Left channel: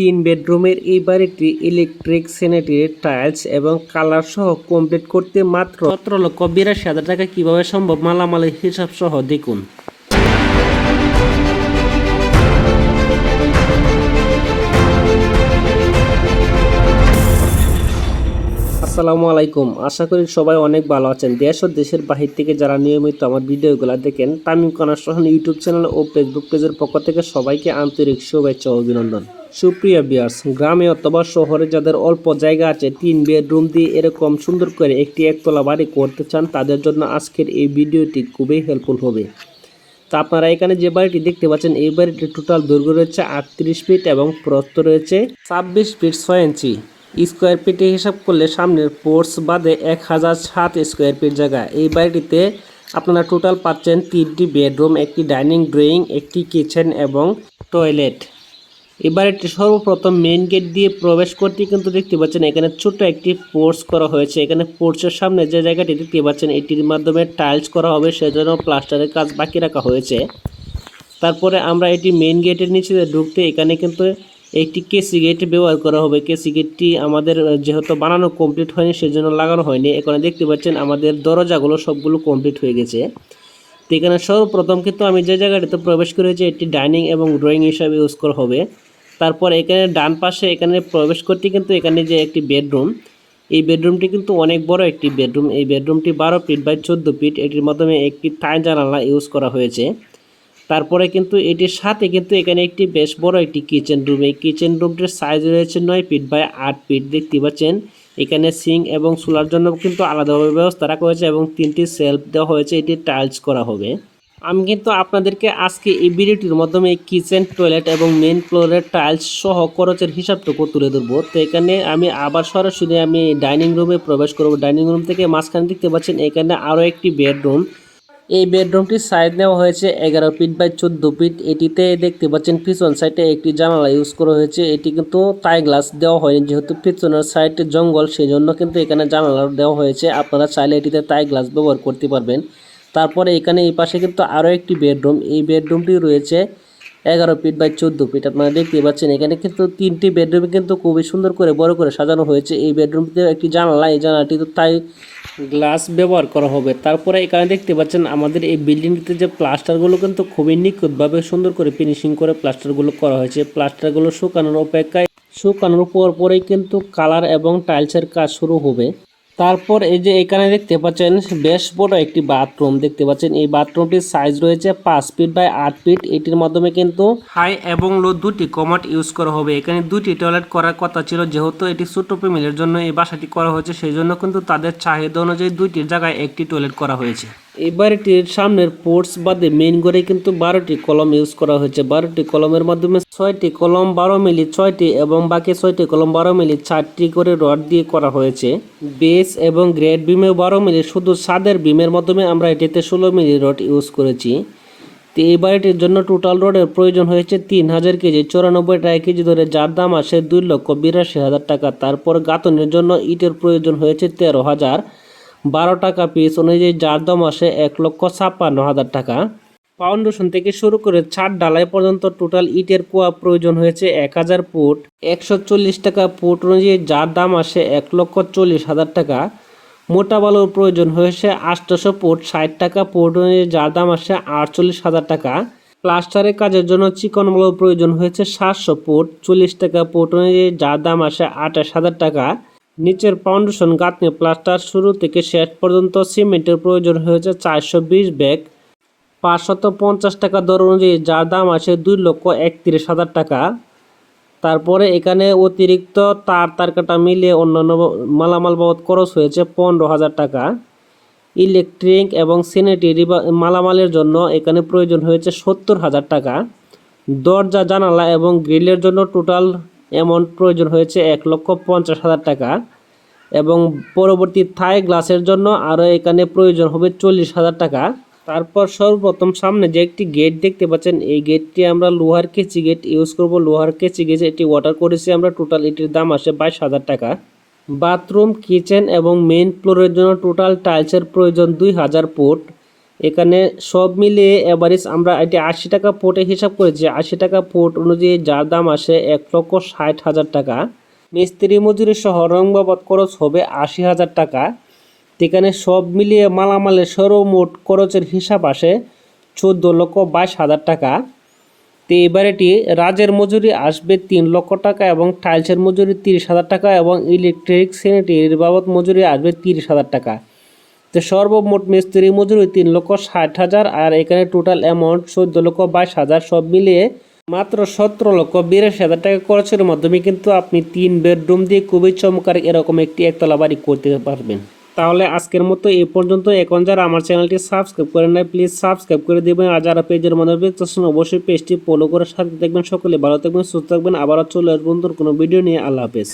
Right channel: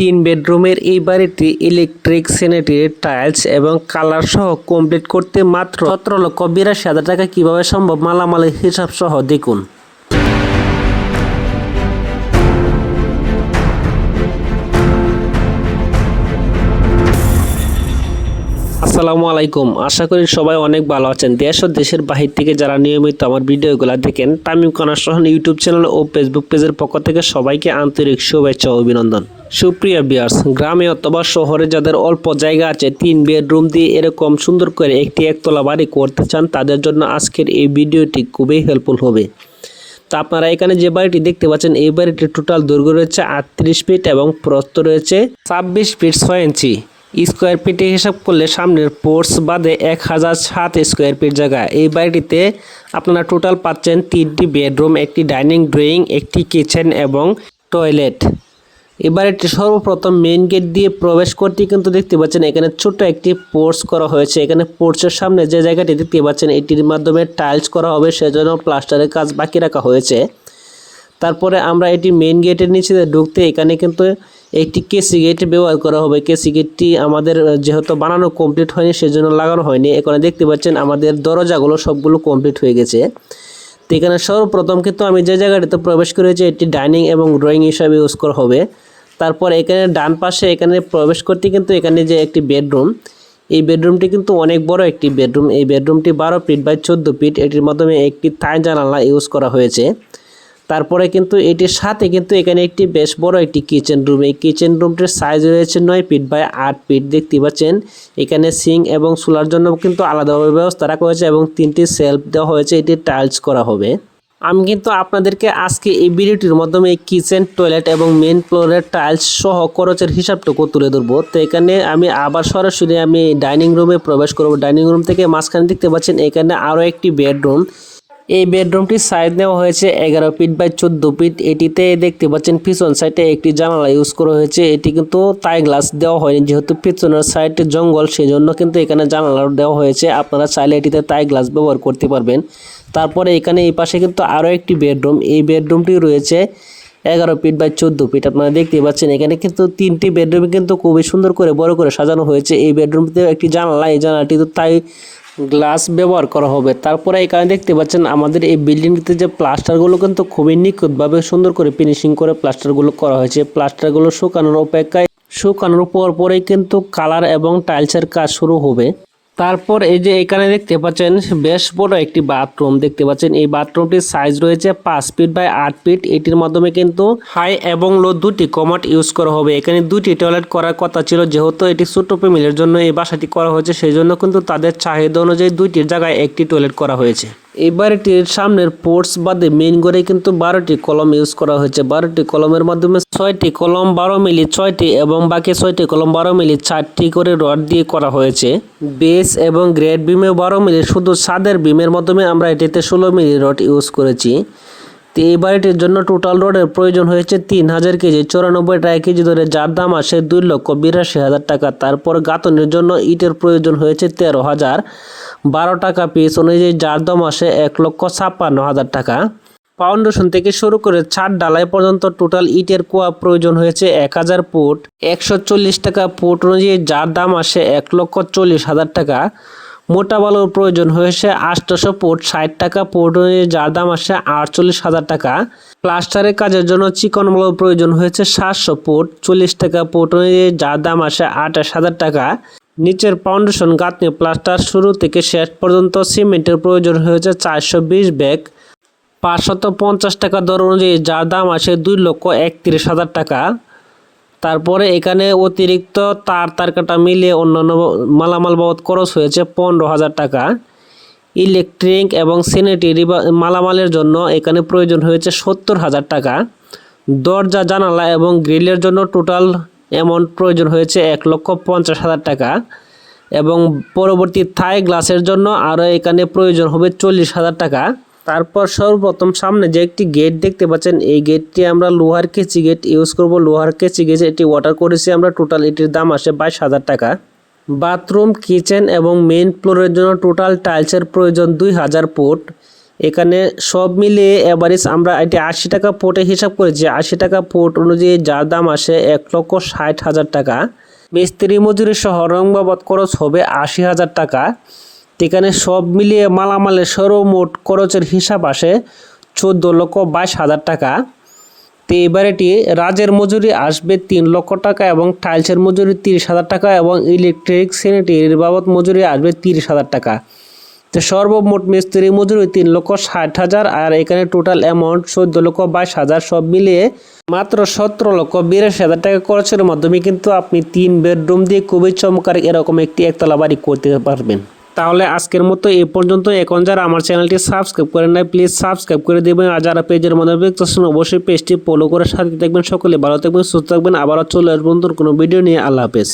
তিন বেডরুমের এই বাড়িটি ইলেকট্রিক স্যানিটারি টাইলস এবং কালার সহ কমপ্লিট করতে মাত্র সতেরো লক্ষ বিরাশি হাজার টাকা কীভাবে সম্ভব? মালামালের হিসাব সহ দেখুন। আসসালামু আলাইকুম। আশা করি সবাই অনেক ভালো আছেন। দেশ ও দেশের বাহির থেকে যারা নিয়মিত আমার ভিডিওগুলো দেখেন, তামিম কনার সহন ইউটিউব চ্যানেল ও ফেসবুক পেজের পক্ষ থেকে সবাইকে আন্তরিক শুভেচ্ছা ও অভিনন্দন। সুপ্রিয় বিয়ার্স গ্রামে অথবা শহরে যাদের অল্প জায়গা আছে, তিন বেডরুম দিয়ে এরকম সুন্দর করে একটি একতলা বাড়ি করতে চান, তাদের জন্য আজকের এই ভিডিওটি খুবই হেল্পফুল হবে। তা আপনারা এখানে যে বাড়িটি দেখতে পাচ্ছেন, এই বাড়িটির টোটাল দৈর্ঘ্য রয়েছে আটত্রিশ ফিট এবং প্রস্থ রয়েছে ছাব্বিশ ফিট ছয় ইঞ্চি। স্কোয়ার ফিটে হিসাব করলে সামনের পোর্টস বাদে এক হাজার সাত স্কোয়ার ফিট জায়গা। এই বাড়িটিতে আপনারা টোটাল পাচ্ছেন তিনটি বেডরুম, একটি ডাইনিং ড্রয়িং একটি কিচেন এবং টয়লেট এই বাড়িটি সর্বপ্রথম মেইন গেট দিয়ে প্রবেশ করতে কিন্তু দেখতে পাচ্ছেন এখানে ছোট একটি পোর্স করা হয়েছে। এখানে পোর্টসের সামনে যে জায়গাটি দেখতে পাচ্ছেন এটির মাধ্যমে টাইলস করা হবে, সেজন্য প্লাস্টারের কাজ বাকি রাখা হয়েছে। তারপরে আমরা এটি মেইন গেটের নিচে ঢুকতে এখানে কিন্তু একটি কেসি গেট ব্যবহার করা হবে। কেসি গেটটি আমাদের যেহেতু বানানো কমপ্লিট হয়নি, সেজন্য লাগানো হয়নি। এখানে দেখতে পাচ্ছেন আমাদের দরজাগুলো সবগুলো কমপ্লিট হয়ে গেছে। তো এখানে সর্বপ্রথম কিন্তু আমি যে জায়গাটিতে প্রবেশ করেছি, এটি ডাইনিং এবং ড্রয়িং হিসাবে ইউজ করা হবে। তারপর এখানে ডান পাশে এখানে প্রবেশ করতে কিন্তু এখানে যে একটি বেডরুম, এই বেডরুমটি কিন্তু অনেক বড় একটি বেডরুম। এই বেডরুমটি বারো ফিট বাই চোদ্দ ফিট, এটির মাধ্যমে একটি থাই জানালা ইউজ করা হয়েছে। তারপরে কিন্তু এটির সাথে কিন্তু এখানে একটি বেশ বড় একটি কিচেন রুম। এই কিচেন রুমটির সাইজ রয়েছে নয় ফিট বাই আট ফিট, দেখতে পাচ্ছেন? এখানে সিং এবং চুলার জন্য কিন্তু আলাদাভাবে ব্যবস্থা রাখা হয়েছে এবং তিনটি সেলফ দেওয়া হয়েছে এটি টাইলস করা হবে। আমি কিন্তু আপনাদেরকে আজকে এই ভিডিওটির মাধ্যমে কিচেন টয়লেট এবং মেন ফ্লোরের টাইলস সহ খরচের হিসাবটুকু তুলে ধরবো। তো এখানে আমি আবার সরাসরি আমি ডাইনিং রুমে প্রবেশ করব। ডাইনিং রুম থেকে মাঝখানে দেখতে পাচ্ছেন এখানে আরও একটি বেডরুম এই বেডরুমটির সাইজ নেওয়া হয়েছে এগারো ফিট বাই চোদ্দ ফিট এটিতে দেখতে পাচ্ছেন পিছন সাইডে একটি জানালা ইউজ করা হয়েছে। এটি কিন্তু তাই গ্লাস দেওয়া হয়নি। যেহেতু পিছনের সাইডে জঙ্গল সেই জন্য কিন্তু এখানে জানালা দেওয়া হয়েছে। আপনারা চাইলে এটিতে তাই গ্লাস ব্যবহার করতে পারবেন। তারপরে এখানে এই পাশে কিন্তু আরও একটি বেডরুম। এই বেডরুমটি রয়েছে এগারো ফিট বাই চোদ্দ ফিট। আপনারা দেখতে পাচ্ছেন, এখানে কিন্তু তিনটি বেডরুম কিন্তু খুবই সুন্দর করে বড় করে সাজানো হয়েছে। এই বেডরুমটিতে একটি জানালা, এই জানালাটি তো তাই গ্লাস ব্যবহার করা হবে। তারপরে এখানে দেখতে পাচ্ছেন, আমাদের এই বিল্ডিংটিতে যে প্লাস্টারগুলো কিন্তু খুবই নিখুঁতভাবে সুন্দর করে ফিনিশিং করে প্লাস্টারগুলো করা হয়েছে। প্লাস্টারগুলো শুকানোর অপেক্ষায়, শুকানোর পর পরেই কিন্তু কালার এবং টাইলসের কাজ শুরু হবে। তারপর এই যে এখানে দেখতে পাচ্ছেন, বেশ বড় একটি বাথরুম দেখতে পাচ্ছেন। এই বাথরুমটির সাইজ রয়েছে পাঁচ ফিট বাই আট ফিট এটির মাধ্যমে কিন্তু হাই এবং লো দুটি কমাট ইউজ করা হবে। এখানে দুটি টয়লেট করার কথা ছিল, যেহেতু এটি ছোট ফ্যামিলির জন্য এই বাসাটি করা হয়েছে সেই জন্য কিন্তু তাদের চাহিদা অনুযায়ী দুইটির জায়গায় একটি টয়লেট করা হয়েছে। এই বাড়িটির সামনের পোর্টস বাদে মেইন করে কিন্তু বারোটি কলম ইউজ করা হয়েছে। বারোটি কলমের মাধ্যমে ছয়টি কলম বারো মিলি ছয়টি এবং বাকি ছয়টি কলম বারো মিলি চারটি করে রড দিয়ে করা হয়েছে। বেস এবং গ্রেড বিমে বারো মিলি, শুধু সাদের বিমের মাধ্যমে আমরা এটিতে ষোলো মিলি রড ইউজ করেছি। তো এই বাড়িটির জন্য টোটাল রোডের প্রয়োজন হয়েছে তিন হাজার কেজি, চৌরানব্বই টাকা কেজি ধরে, যার দাম আসে দুই লক্ষ বিরাশি হাজার টাকা। তারপর গাঁথনের জন্য ইটের প্রয়োজন হয়েছে তেরো হাজার। বারো টাকা পিস অনুযায়ী যার দাম আসে এক লক্ষ ছাপ্পান্ন হাজার টাকা। ফাউন্ডেশন থেকে শুরু করে ছাদ ডালাই পর্যন্ত টোটাল ইটের কোয়া প্রয়োজন হয়েছে এক হাজার ফুট। একশো চল্লিশ টাকা ফুট অনুযায়ী যার দাম আসে এক লক্ষ চল্লিশ হাজার টাকা। মোটা বালুর প্রয়োজন হয়েছে আটশোশো ফুট, ষাট টাকা ফুট অনুযায়ী যার দাম আসে আটচল্লিশ হাজার টাকা। প্লাস্টারের কাজের জন্য চিকন বালুর প্রয়োজন হয়েছে সাতশো ফুট, চল্লিশ টাকা ফুট অনুযায়ী যার দাম আসে আঠাশ হাজার টাকা। নিচের ফাউন্ডেশন গাঁথনি প্লাস্টার শুরু থেকে শেষ পর্যন্ত সিমেন্টের প্রয়োজন হয়েছে চারশো বিশ ব্যাগ। পাঁচশত পঞ্চাশ টাকা দর অনুযায়ী যার দাম আসে দুই লক্ষ একত্রিশ হাজার টাকা। তারপরে এখানে অতিরিক্ত তার তারকাটা মিলিয়ে অন্যান্য মালামাল বাবদ খরচ হয়েছে পনেরো হাজার টাকা। ইলেকট্রিক এবং স্যানিটারি মালামালের জন্য এখানে প্রয়োজন হয়েছে সত্তর হাজার টাকা। দরজা, জানালা এবং গ্রিলের জন্য টোটাল অ্যামাউন্ট প্রয়োজন হয়েছে এক লক্ষ পঞ্চাশ হাজার টাকা এবং পরবর্তী থাই গ্লাসের জন্য আরও এখানে প্রয়োজন হবে চল্লিশ হাজার টাকা। তারপর সর্বপ্রথম সামনে যে একটি গেট দেখতে পাচ্ছেন, এই গেটটি আমরা লোহার কেচি গেট ইউজ করব। লোহার কেচি গেট এটি ওয়াটার করেছি আমরা। টোটাল এটির দাম আসে বাইশ হাজার টাকা। বাথরুম কিচেন এবং মেন ফ্লোরের জন্য টোটাল টাইলসের প্রয়োজন দুই হাজার ফুট। এখানে সব মিলিয়ে অ্যাভারেজ আমরা এটি আশি টাকা ফুটে হিসাব করেছি আশি টাকা পোর্ট অনুযায়ী যার দাম আসে এক লক্ষ ষাট হাজার টাকা। মিস্ত্রি মজুরি সহ রং বাবদ খরচ হবে আশি হাজার টাকা। এখানে সব মিলিয়ে মালামালের সর্বমোট খরচের হিসাব আসে চোদ্দ লক্ষ বাইশ হাজার টাকা। তো এবার এটি রাজের মজুরি আসবে তিন লক্ষ টাকা এবং টাইলসের মজুরি তিরিশ হাজার টাকা এবং ইলেকট্রিক স্যানিটারির বাবদ মজুরি আসবে তিরিশ হাজার টাকা। তো সর্বমোট মিস্ত্রি মজুরি তিন লক্ষ ষাট হাজার, আর এখানে টোটাল অ্যামাউন্ট চোদ্দ লক্ষ বাইশ হাজার সব মিলিয়ে মাত্র সতেরো লক্ষ বিরাশি হাজার টাকা খরচের মাধ্যমে কিন্তু আপনি তিন বেডরুম দিয়ে খুবই চমৎকার এরকম একটি একতলা বাড়ি করতে পারবেন। তাহলে আজকের মতো এ পর্যন্ত। এখন যারা আমার চ্যানেলটি সাবস্ক্রাইব করেন না প্লিজ সাবস্ক্রাইব করে দেবেন। আর যারা পেজের মধ্যে দেখতেছেন অবশ্যই পেজটি ফলো করে সাথে দেখবেন সকলে ভালো থাকবেন, সুস্থ থাকবেন। আবারও চলে আসবেন কোনো ভিডিও নিয়ে। আল্লাহ হাফেজ।